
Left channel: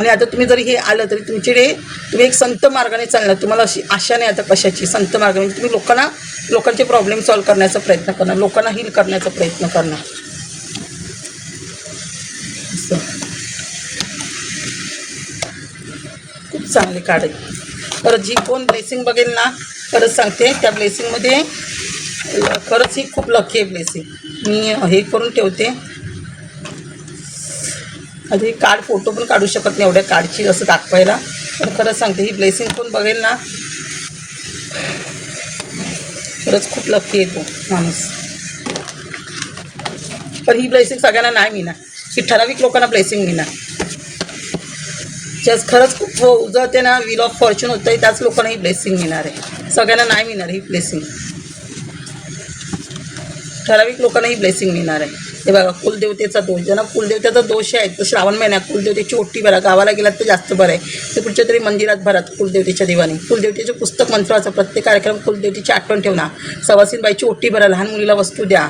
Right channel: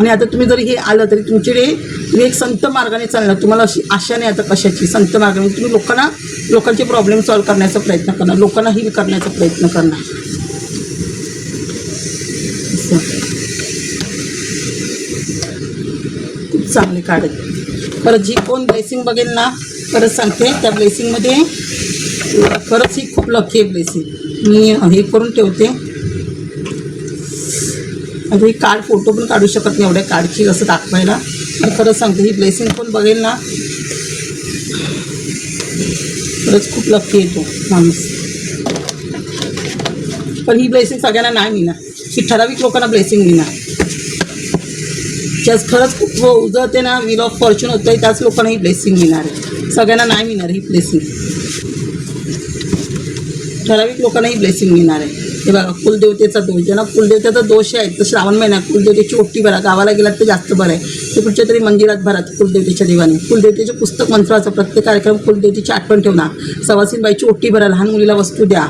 आणि आता तुम्ही जरी हे आलं तरी तुमच्याकडे तुम्ही एक संत मार्गाने चालणार. तुम्हाला अशी आशा नाही आता कशाची. संत मार्गाने तुम्ही लोकांचे प्रॉब्लेम सॉल्व्ह करण्याचा प्रयत्न करणार, लोकांना हील करण्याचा प्रयत्न करणार. खूप चांगले कार्ड आहे. परत जी कोण ब्लेसिंग बघेल ना, परत सांगते, त्या ब्लेसिंगमध्ये खरंच ही खूप लकी आहे ब्लेसिंग. मी हे करून ठेवते. आता ही कार्ड फोटो पण काढू शकत नाही एवढ्या कार्डची असं दाखवायला. पण खरंच सांगते, ही ब्लेसिंग कोण बघेल ना, खरंच खूप लकी आहे तो माणूस. पण ही ब्लेसिंग सगळ्यांना नाही मिळणार, ही ठराविक लोकांना ब्लेसिंग मिळणार. ज्यास खरंच खूप उजळते ना, व्हील ऑफ फॉर्च्यून होतं आहे, त्याच लोकांना ही ब्लेसिंग मिळणार आहे. सगळ्यांना नाही मिळणार ही ब्लेसिंग, ठराविक लोकांना ही ब्लेसिंग मिळणार आहे. हे बघा, कुलदेवतेचा दोष, ज्यांना कुलदेवतेचा दोष आहे तर श्रावण महिन्यात कुलदेवतेची ओटी भरा. गावाला गेलात तर जास्त बरं आहे, तर कुठच्या तरी मंदिरात भरात कुलदेवतेच्या देवाने. कुलदेवतेचे पुस्तक मंत्राचं प्रत्येक कार्यक्रम कुलदेवतेची आठवण ठेवणार. सवासीनबाईची ओटी भरा, लहान मुलीला वस्तू द्या.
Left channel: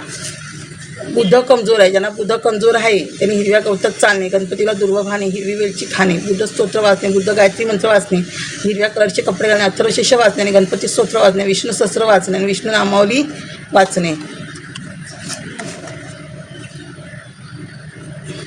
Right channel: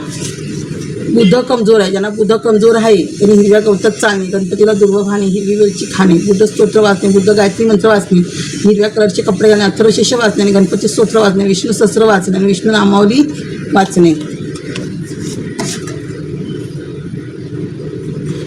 बुद्ध कमजोर आहे, ज्यांना बुद्ध कमजोर आहे त्यांनी हिरव्या गवतात चालणे, गणपतीला दुर्वा वाहणे, हिरवी वेलची खाणे, बुद्ध स्तोत्र वाचणे, बुद्ध गायत्री मंत्र वाचणे, हिरव्या कलरचे कपडे घालणे, अथर्वशीर्ष वाचणे आणि गणपती स्तोत्र वाचणे, विष्णू सहस्त्र वाचणे आणि विष्णू नामावली वाचणे.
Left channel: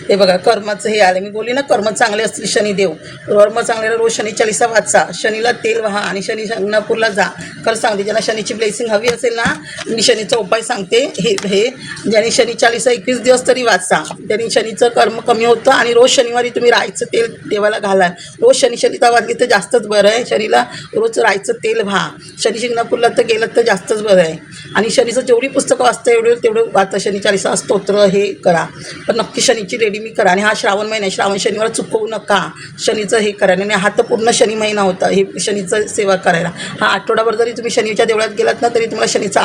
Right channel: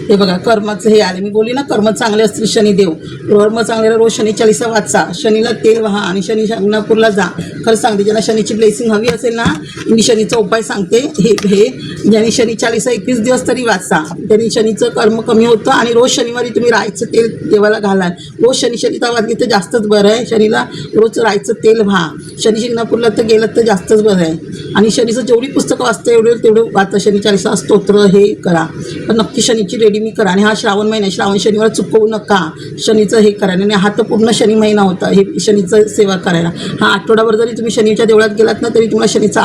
हे बघा, कर्माचं हे आलं. मी बोलली ना, कर्म चांगले असतील शनिदेव, कर्म चांगले रोज शनी चालीसा वाचा, शनीला तेल वाहा आणि शनी शिंगणापूरला जा. खरं सांगते, ज्यांना शनीची ब्लेसिंग हवी असेल ना, मी शनीचा उपाय सांगते. हे ज्यांनी शनी चालीसा 21 दिवस तरी वाचा, त्यांनी शनीचं कर्म कमी होतं. आणि रोज शनिवारी तुम्ही राईचं तेल देवाला घाला. रोज शनीचा वाचली तर जास्तच बरं आहे. शनीला रोज राईचं तेल व्हा. शनी शिंगणापूरला तर गेलं तर जास्तच बरं आहे. आणि शनीचं जेवढी पुस्तकं वाचता तेवढं वाचा. शनी चालीसा स्तोत्र हे करा, पण नक्की शनीची रेडी मी करा. आणि हा श्रावण महिना, श्रावण शनिवार चुकवू नका. शनीचं हे करा. आणि हा तर पूर्ण शनी महिना होता हे शनीचं सेवा करायला. हा आठवडाभर जरी तुम्ही शनीच्या देवळात गेलात ना, तरी तुम्हाला शनीचा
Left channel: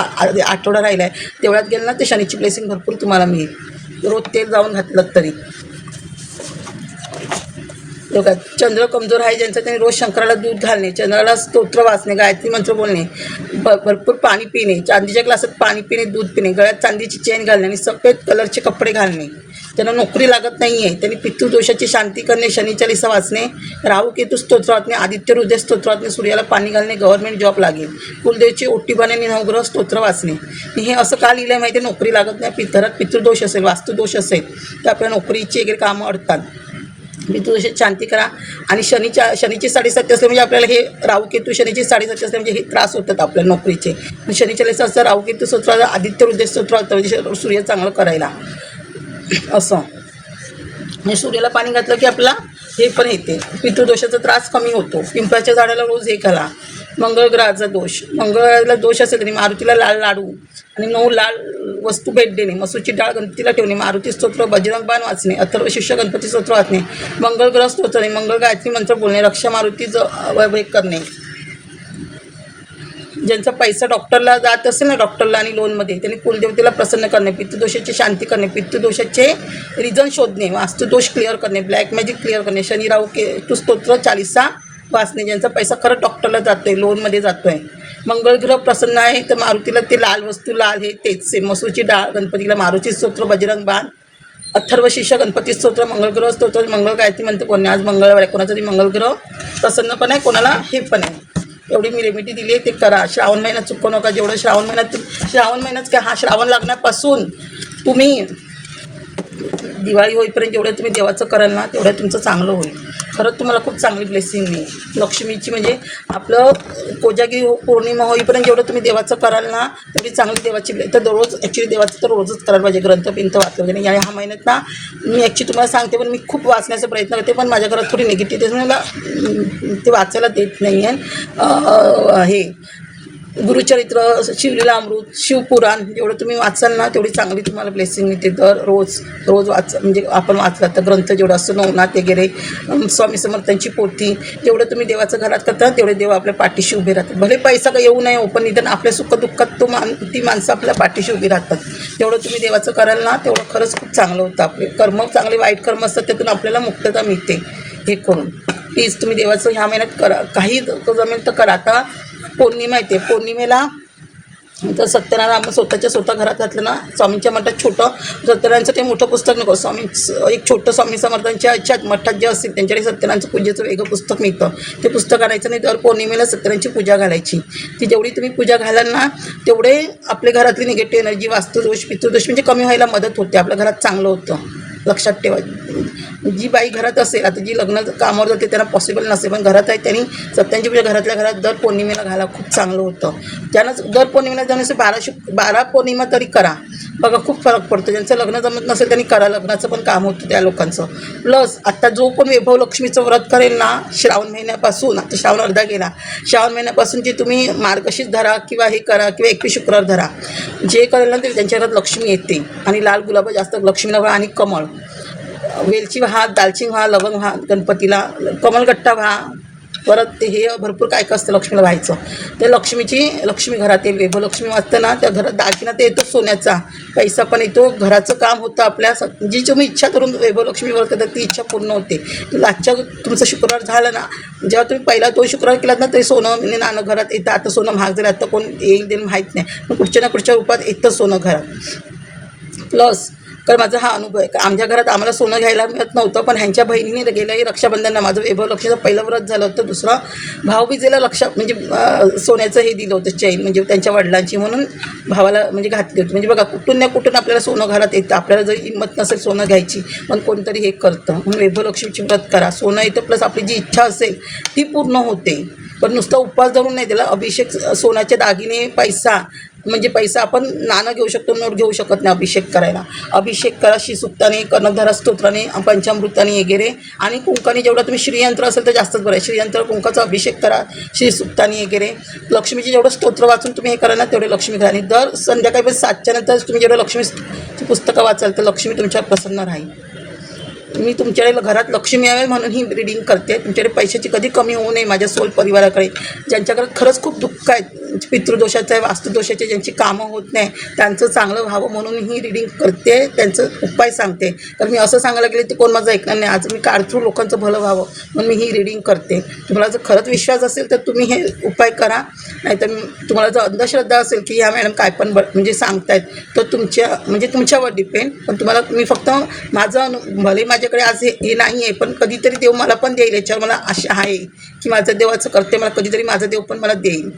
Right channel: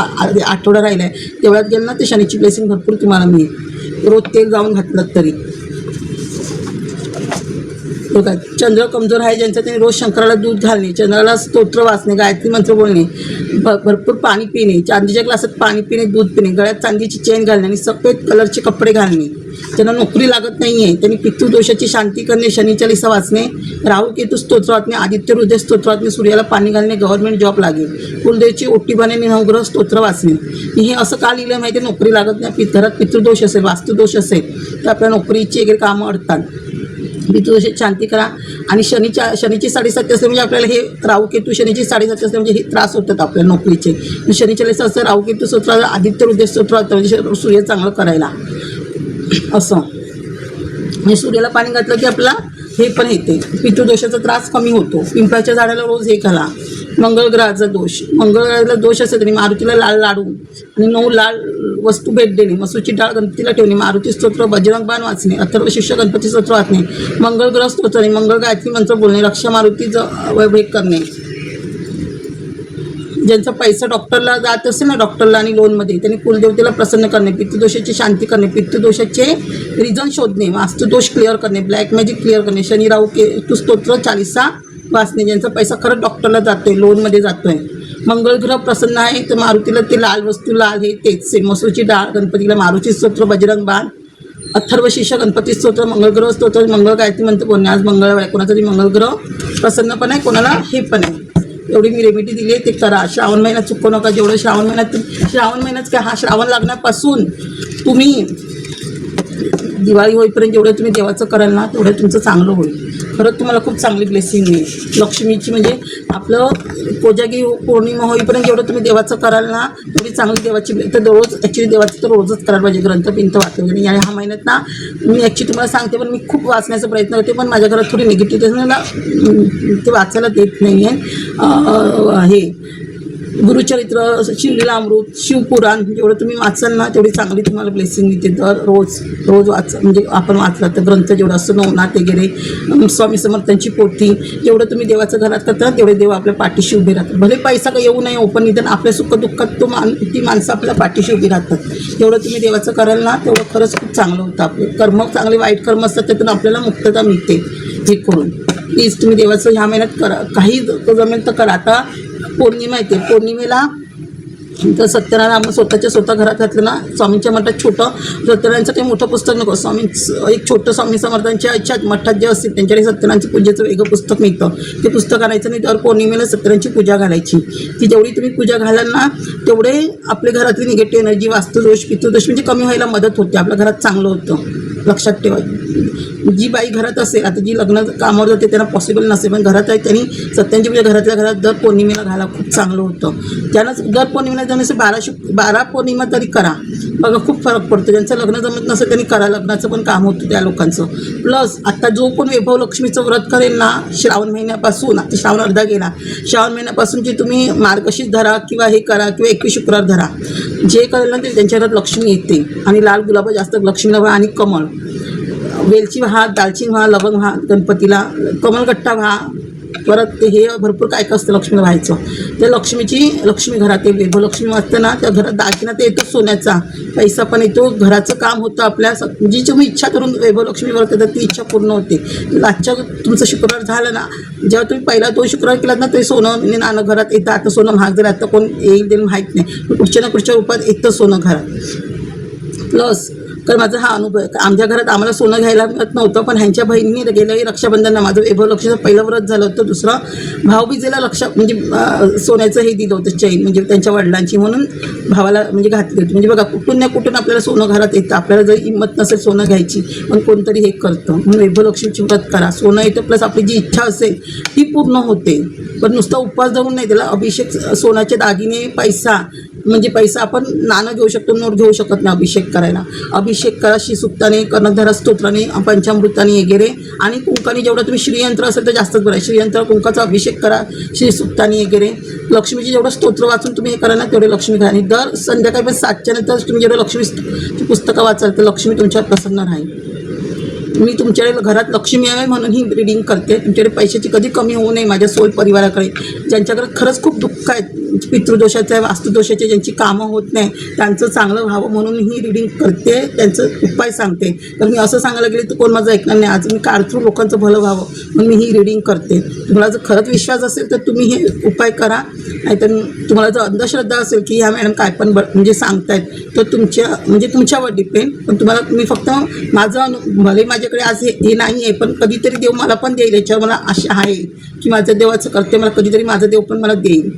आठवडा राहिला आहे, देवळात गेलं ना, तर शनीची ब्लेसिंग भरपूर तुम्हाला मिळेल. रोज तेल जाऊन घातलं तरी. बघा, चंद्र कमजोर आहे ज्यांचं, त्यांनी रोज शंकराला दूध घालणे, चंद्राला स्तोत्र वाचणे, गायत्री मंत्र बोलणे, भरपूर पाणी पिणे, चांदीच्या ग्लासात पाणी पिणे, दूध पिणे, गळ्यात चांदीची चेन घालणे आणि सफेद कलरचे कपडे घालणे. ज्यांना नोकरी लागत नाही आहे त्यांनी पितृदोषाची शांती करणे, शनी चालीसा वाचणे, राहू केतू स्तोत्र वाचणे, आदित्य हृदय स्तोत्र वाचणे, सूर्याला पाणी घालणे, गव्हर्नमेंट जॉब लागेल, कुलदेवची ओटी बांधणे, नवग्रह स्तोत्र वाचणे. हे असं का लिहिलं आहे माहिती आहे? नोकरी लागत नाही, घरात पितृदोष असेल, वास्तुदोष असेल तर आपल्या नोकरीची वगैरे कामं अडतात. पितृदोषाची शांती करा. आणि शनीची 7.5 असले म्हणजे आपल्याला हे राहू केतू, शनीची 7.5 असले म्हणजे हे त्रास होतात आपल्या नोकरीचे. शनी चालीसा असतं, राहू केतू स्तोत्र, आदित्य हृदय स्तोत्र होतं, म्हणजे सूर्य चांगलं करायला असं. म्हणजे सूर्याला पाणी घातलं की आपला हे पण येते, पितृदोषाचा त्रास कमी होतो. पिंपळाच्या झाडाला रोज हे घाला, मंगळग्रहाचा दोष, मंगळग्रहाला दोष असेल तरी मारुतीला लाल लाडू आणि 9 लाल वस्तू भेट देणे, मसूरची डाळ गणपतीला ठेवणे, मारुती स्तोत्र, बजरंग बाण वाचणे, अथर्व शीर्ष गणपती स्तोत्र वाचणे, मंगळग्रह स्तोत्र, मंगळ गायत्री मंत्र बोलणे, रक्षा मारुतीचं वैभव करणे. ज्यांचा पैसा डॉक्टरला जात असेल ना, डॉक्टरला आणि लोनमध्ये, त्यांनी कुलदेवतेला प्रसन्न करणे, पितृदोषाची शांती करणे, पितृदोषाचे रिझन शोधणे, वास्तुदोष क्लिअर करणे, ब्लॅक मॅजिक क्लिअर करणे, शनी राहू केतू स्तोत्र 40 वाचणे. ज्यांचा पैसा खरंच डॉक्टरला जातो आहे, लोनमध्ये जातो आहे. मंगळग्रह प्रसन्न आहे तर मारुतीला ते लाल वस्तू, लाल हे तेच सेम, मसूरची डाळ गणपतीला, मारुती स्तोत्र, बजरंग बाण, अथर्व शीर्ष गणपती स्तोत्र, मंगळग्रह स्तोत्र, मंगळ गायत्री मंत्र बोलणे. आज मंगळवार आहे, कोणाचा तरी मंगळग्रह प्रसन्न पण आहे, कोणाला हे पण आहे. एवढी मी रेमेडी दिली आहे, ते करा. श्रावण महिन्यात चुकू नका. जेवढं श्रावण महिन्यात काय, हा श्रावण लागण्यापासून तुम्ही दिवाळी होईपर्यंत जेवढं तुम्ही देवाचं कराल ना, तेवढं तुमचं चांगलं होईल. खरंच तुम्हाला खूप चांगली ब्लेसिंग मिळेल लक्ष्मीची. म्हणजे आपलं कोजागिरी पौर्णिमा होईपर्यंत जेवढं तुम्ही देवाचं कराल ना, तेवढी चांगली देवाची तर रोज ॲक्च्युली देवाचं तर रोजच करायला पाहिजे. ग्रंथबिंथ वाचलं पाहिजे. ह्या महिन्यात ना मी ॲक्च्युली तुम्हाला सांगते, पण मी खूप वाचण्याचा प्रयत्न करते, पण माझ्या घरात थोडी निगेटिव्ह मला ते वाचायला देत नाही आहे. हे गुरुचरित्र, शिवलीलामृत, शिवपुराण जेवढं तुम्ही वाचाल ना, तेवढी चांगली तुम्हाला ब्लेसिंग मिळते. रोज वाच, म्हणजे आपण वाचला तर ग्रंथ जेवढं असतं, नवनाथ वगैरे, स्वामी समर्थांची पोथी, जेवढं तुम्ही देवाचं घरात करता तेवढे देव आपल्या पाठीशी उभे राहतात. भले पैसा का येऊ नये, पण निदान आपल्या सुखदुःखात ती माणसं आपल्या पाठीशी उभी राहतात. जेवढं तुम्ही देवाचं कराल ना, तेवढं खरंच खूप चांगलं होतं. आपले कर्म चांगले, वाईट कर्म असतात त्यातून आपल्याला मुक्तता मिळते. हे करून प्लीज तुम्ही देवाचं ह्या महिन्यात करा. काही जमेल तर करा. आता पौर्णिमा येते, पौर्णिमेला तर सत्यनारायण स्वतः घरात घातलं ना, स्वामींच्या मठात छोटं सत्यनारायणचं ते मोठं पुस्तक नको, स्वामी एक छोटं स्वामी समर्थांच्या ह्याच्यात मठात जे असतील त्यांच्याकडे सत्यनारायणचं पूजेचं वेगळं पुस्तक मिळतं. ते पुस्तक आणायचं नाही, दर पौर्णिमेला सत्यनारायणची पूजा घालायची. ती जेवढी तुम्ही पूजा घालाल ना, तेवढे आपल्या घरातली निगेटिव्ह एनर्जी, वास्तुदोष, पितृदोष म्हणजे कमी व्हायला मदत होते. आपल्या घरात चांगलं होतं. लक्षात ठेवा. जी बाई घरात असेल, आता जी लग्न कामावर जाते त्यांना पॉसिबल नसेल, पण घरात आहे त्यांनी सत्यांची पूजा घरातल्या घरात दर पौर्णिमेला घाला, खूप चांगलं होतं. ज्यांना दर पौर्णिमेला जाण्याचं 12 पौर्णिमा तरी करा, बघा खूप फरक पडतो. ज्यांचं लग्न जमत नसेल त्यांनी करा, लग्नाचं पण काम होतं त्या लोकांचं. प्लस आता जो कोण वैभव लक्ष्मीचं व्रत करेल ना, श्रावण महिन्यापासून, आता श्रावण अर्धा गेला, श्रावण महिन्यापासून जी तुम्ही मार्गशीर्ष धरा किंवा हे करा किंवा 21 शुक्रवार धरा, जे करेल ना ते त्यांच्या घरात लक्ष्मी येते. आणि लाल गुलाब जास्त लक्ष्मीला व्हा, आणि कमळ, वेलची व्हा, दालचिनी व्हा, लवंग व्हा, गणपतीला कमलगट्टा व्हा, परत ते हे भरपूर काय काय असतं लक्ष्मीला व्हायचं. ते लक्ष्मी घरात येईल. वैभव लक्ष्मी वाचतं ना, त्या घरात दागिना ते येतो सोन्याचा, पैसा पण येतो, घराचं काम होतं. आपल्या जी तुम्ही इच्छा करून वैभव लक्ष्मी व्रत करतात ती इच्छा पूर्ण होते. आजच्या तुमचं शुक्रवार झालं ना, जेव्हा तुम्ही पहिला 2 शुक्रवार केलात ना, तरी सोनं नाणं घरात येतं. आता सोनं महाग झालं, आता कोण येईल देईल माहीत नाही, पण पुढच्या ना पुढच्या रूपात येतं सोनं घरात. प्लस कारण माझा हा अनुभव आहे. आमच्या घरात आम्हाला सोनं घ्यायला मिळत नव्हतं, पण ह्यांच्या बहिणीने गेल्याही रक्षाबंधनला माझं वैभव लक्ष्मीचं पहिलं व्रत झालं होतं. दुसरं भाऊबीजेला म्हणजे सोन्याचं हे दिलं होतं, चैन, म्हणजे त्यांच्या वडिलांची, म्हणून भावाला म्हणजे घातली होती. म्हणजे बघा कुठून ना कुठून आपल्याला सोनं घरात येतं. आपल्याला जर हिंमत नसेल सोनं घ्यायची, पण कोणतरी हे करतं, म्हणून वैभव लक्ष्मीची व्रत करा. सोनं येतं, प्लस आपली जी इच्छा असेल ती पूर्ण होते. पण नुसता उपवास धरून नाही, त्याला अभिषेक, सोन्याचे दागिने, पैसा, म्हणजे पैसा आपण नाणं घेऊ शकतो, नोट घेऊ शकत नाही अभिषेक करायला. अभिषेक करा श्रीसुक्ताने, कर्णधारा स्तोत्राने, पंचामृताने वगैरे, आणि कुंकाने. जेवढा तुम्ही श्रीयंत्र असेल तर जास्तच बरं आहे. श्रीयंत्र कुंकाचा अभिषेक करा श्रीसुक्ताने वगैरे. लक्ष्मीचे जेवढं स्तोत्र वाचून तुम्ही हे करा ना, तेवढे लक्ष्मी घरा. आणि दर संध्याकाळी 7च्या नंतर तुम्ही जेवढं लक्ष्मीची पुस्तकं वाचाल तर लक्ष्मी तुमच्यावर प्रसन्न राहील. मी तुमच्याकडे घरात लक्ष्मी यावे म्हणून ही रीडिंग करते. तुमच्याकडे पैशाची कधी कमी होऊ नये. माझ्या सोल परिवाराकडे ज्यांच्याकडे खरंच खूप दुःख आहेत, पितृदोषाचं आहे, वास्तुदोषाचे, ज्यांची कामं होत नाही, त्यांचं चांगलं व्हावं म्हणून ही रीडिंग करते, त्यांचं उपाय सांगते. कारण मी असं सांगायला गेले तर कोण माझं ऐकणार नाही. आज मी काढतो लोकांचं भलं व्हावं म्हणून मी ही रीडिंग करते. तुम्हाला जर खरंच विश्वास असेल तर तुम्ही हे उपाय करा. नाहीतर तुम्हाला जर अंधश्रद्धा असेल की ह्या मॅडम काय पण म्हणजे सांगतायत, तर तुमच्यावर डिपेंड. पण तुम्हाला मी फक्त माझं भले माझ्याकडे आज हे नाही आहे, पण कधीतरी देव मला पण देईल. याच्यावर मला आशा आहे की माझं देवाचं करते, मला कधीतरी माझं देव पण मला देईल,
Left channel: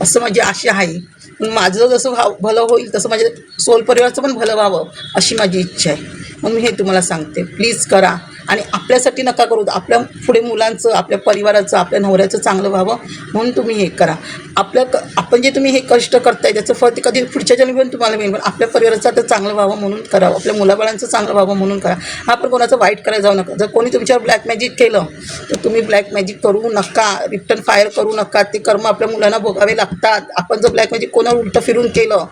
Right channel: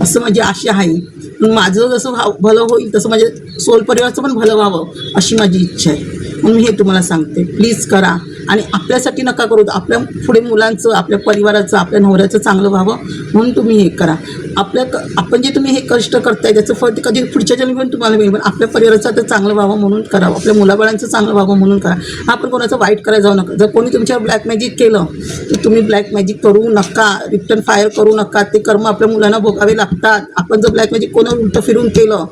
असं माझी आशा आहे. माझं जसं भलं होईल तसं माझ्या सोल परिवाराचं पण भलं व्हावं अशी माझी इच्छा आहे. म्हणून मी हे तुम्हाला सांगते, प्लीज करा. आणि आपल्यासाठी नका करू, आपल्या पुढे मुलांचं, आपल्या परिवाराचं, आपल्या नवऱ्याचं चांगलं व्हावं म्हणून तुम्ही हे करा. आपण जे तुम्ही हे कष्ट करताय त्याचं फळ ते कधी पुढच्या जन्मी पण तुम्हाला मिळेल, पण आपल्या परिवाराचं आता चांगलं व्हावं म्हणून करावं, आपल्या मुलाबाळांचं चांगलं व्हावं म्हणून करा. हा, पण कोणाचं वाईट करायला जाऊ नका. जर कोणी तुमच्यावर ब्लॅक मॅजिक केलं तर तुम्ही ब्लॅक मॅजिक करू नका, रिटर्न फायर करू नका. ते कर्म आपल्या मुलांना भोगावे लागतात. आपण जर ब्लॅक मॅजिक कोणाला उलटं फिरून केलं,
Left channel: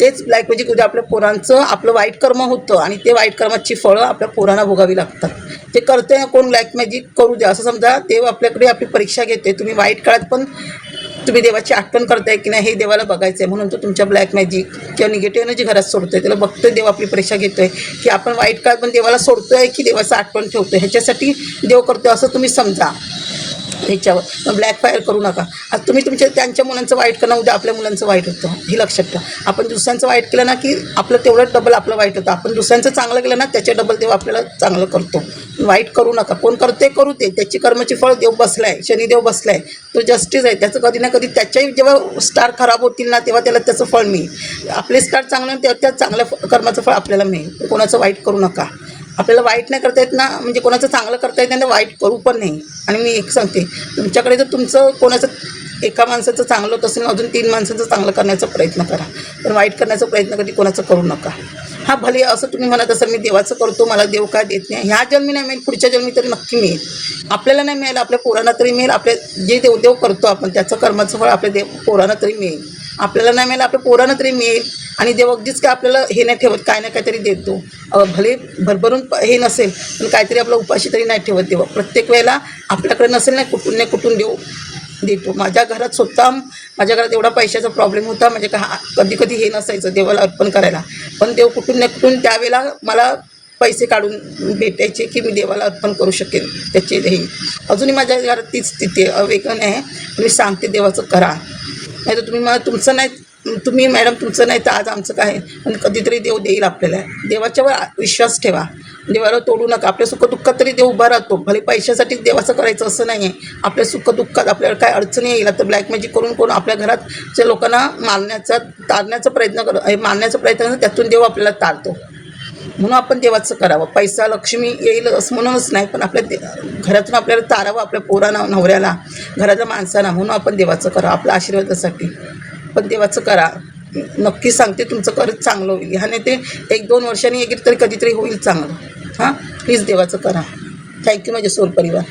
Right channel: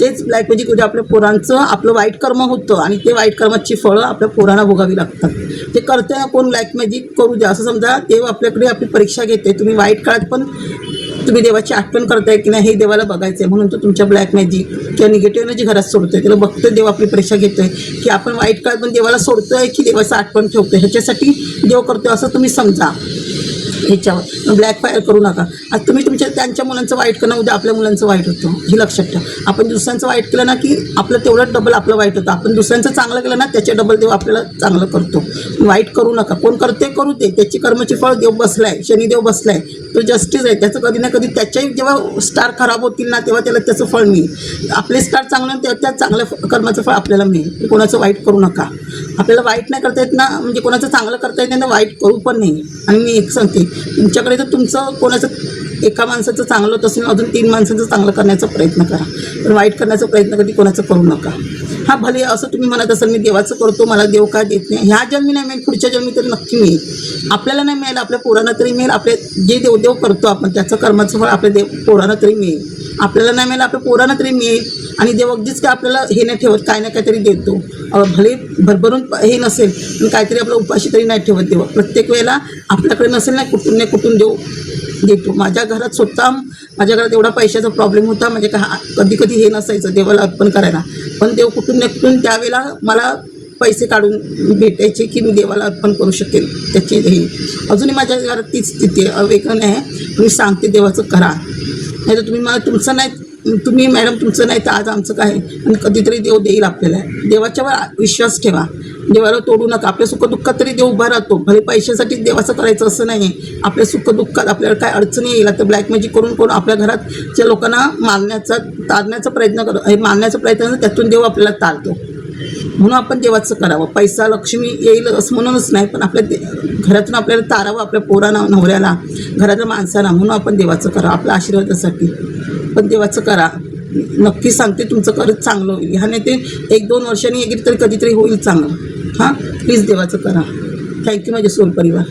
तेच ब्लॅक मॅजिक उद्या आपल्या पोरांचं आपलं वाईट कर्म होतं आणि ते वाईट कर्माची फळं आपल्या पोरांना भोगावी लागतात. ते करते कोण ब्लॅक मॅजिक करू द्या, असं समजा देव आपल्याकडे आपली परीक्षा घेते. तुम्ही वाईट काळात पण तुम्ही देवाची आठवण करताय की नाही हे देवाला बघायचं आहे, म्हणून तो तुमच्या ब्लॅक मॅजिक किंवा निगेटिव्ह एनर्जी घरात सोडतोय. त्याला बघतोय देव आपली परीक्षा घेतोय की आपण वाईट काळात पण देवाला सोडतोय की देवाचं आठवण ठेवतोय, ह्याच्यासाठी देव करतोय असं तुम्ही समजा. ह्याच्यावर ब्लॅक फायर करू नका. आज तुम्ही त्यांच्या मुलांचं वाईट करणं, उद्या आपल्या मुलांचं वाईट होतं, हे लक्षात ठेवा. आपण दुसऱ्यांचं वाईट केलं ना की आपलं तेवढं डबल आपलं वाईट होतं. आपण दुसऱ्यांचं चांगलं केलं ना त्याच्या डबल देव आपल्याला चांगलं करतो. वाईट करू नका. कोण करते करू ते, त्याची कर्माची फळ देव बसलाय, शनिदेव बसलाय, तो जस्टिस आहे. त्याचं कधी ना कधी त्याच्याही जेव्हा स्टार खराब होतील ना तेव्हा त्याला त्याचं फळ मिळेल. आपले स्टार चांगलं तेव्हा त्या चांगल्या कर्माचं फळ आपल्याला मिळेल. कोणाचं वाईट करू नका. आपल्याला वाईट नाही करता येत ना, म्हणजे कोणाचं चांगलं करता येत नाही तर वाईट करू पण नाही. आणि मी एक सांगते, तुमच्याकडे जर तुमचं कोणाचं एका माणसाचं चांगलं होत असेल अजून 3 माणसाचं चांगलं करण्याचा प्रयत्न करा, पण वाईट करण्याचा प्रयत्न कधी कोणाचं करू नका. हा, भले असं तुम्ही म्हणत असाल मी देवाचं करतो मला देव काय देत नाही, ह्या जन्मी नाही मिळेल, पुढच्या जन्मी तरी नक्की मिळेल. आपल्याला नाही मिळेल, आपल्या पोरांना तरी मिळेल. आपल्या जे देवदेव करतो आपण त्याचं कर्माचं फळ आपल्या पोरांना तरी मिळेल. आपल्याला नाही मिळेल, आपल्या पोरांना तरी मिळेल. आणि देव अगदीच काय आपल्याला हे नाही ठेवत, काय ना काहीतरी देतो. भले भरभरून हे नसेल पण काहीतरी आपलं उपाशी तरी नाही ठेवत देव. प्रत्येक वेळेला आपल्याकडे नसेल ना कुठून देव देतो. माझ्या घरात स्वतः माझ्या घरात एवढा पैशाचा प्रॉब्लेम होता, म्हणजे कधी कधी हे नसायचं देवाला अर्पण करायला, पण देव कुठून ना कुठून त्यावेळेला मला पैसे काढून भेटायचे की मी देवाला अर्पण करू शकेल. त्याचे हे अजूनही माझ्या घरात तीच स्थिती आहे, वेगळं नाही. मी सांगते देवाचं करा, नाही तर तुम्ही मला तुमचं नाही, तुम्ही मॅडम तुमचं नाही तर आज आमचं काय, पण कधीतरी देव देईल आपल्याला. देवाच्यावर विश्वास ठेवा, देवाला तोडू नका. आपल्या सुखदुःखात तरी देव उभा राहतो. भले पैशासाठीच देवाचं करायचं असं नाही आहे. आपल्या सुखदुःखात आपल्याला काय अडचणी येईल तर ब्लॅक मॅजिक करून आपल्या घरातच्या लोकांना तारण्याचा प्रयत्न करतो, त्यातून देव आपल्याला तारतो. म्हणून आपण देवाचं करावं. पैसा लक्ष्मी येईल असं म्हणूनच नाही, पण आपल्या घरातून आपल्याला तारावं, आपल्या पोरांना, नवऱ्याला, घरातल्या माणसांना, म्हणून आपण देवाचं करावं आपल्या आशीर्वादासाठी. पण देवाचं करा, नक्की सांगते तुमचं खरंच चांगलं होईल. ह्याने ते 1-2 वर्षांनी तरी कधीतरी होईल चांगलं. हां, प्लीज देवाचं करा. थँक्यू माझे सोल परिवार.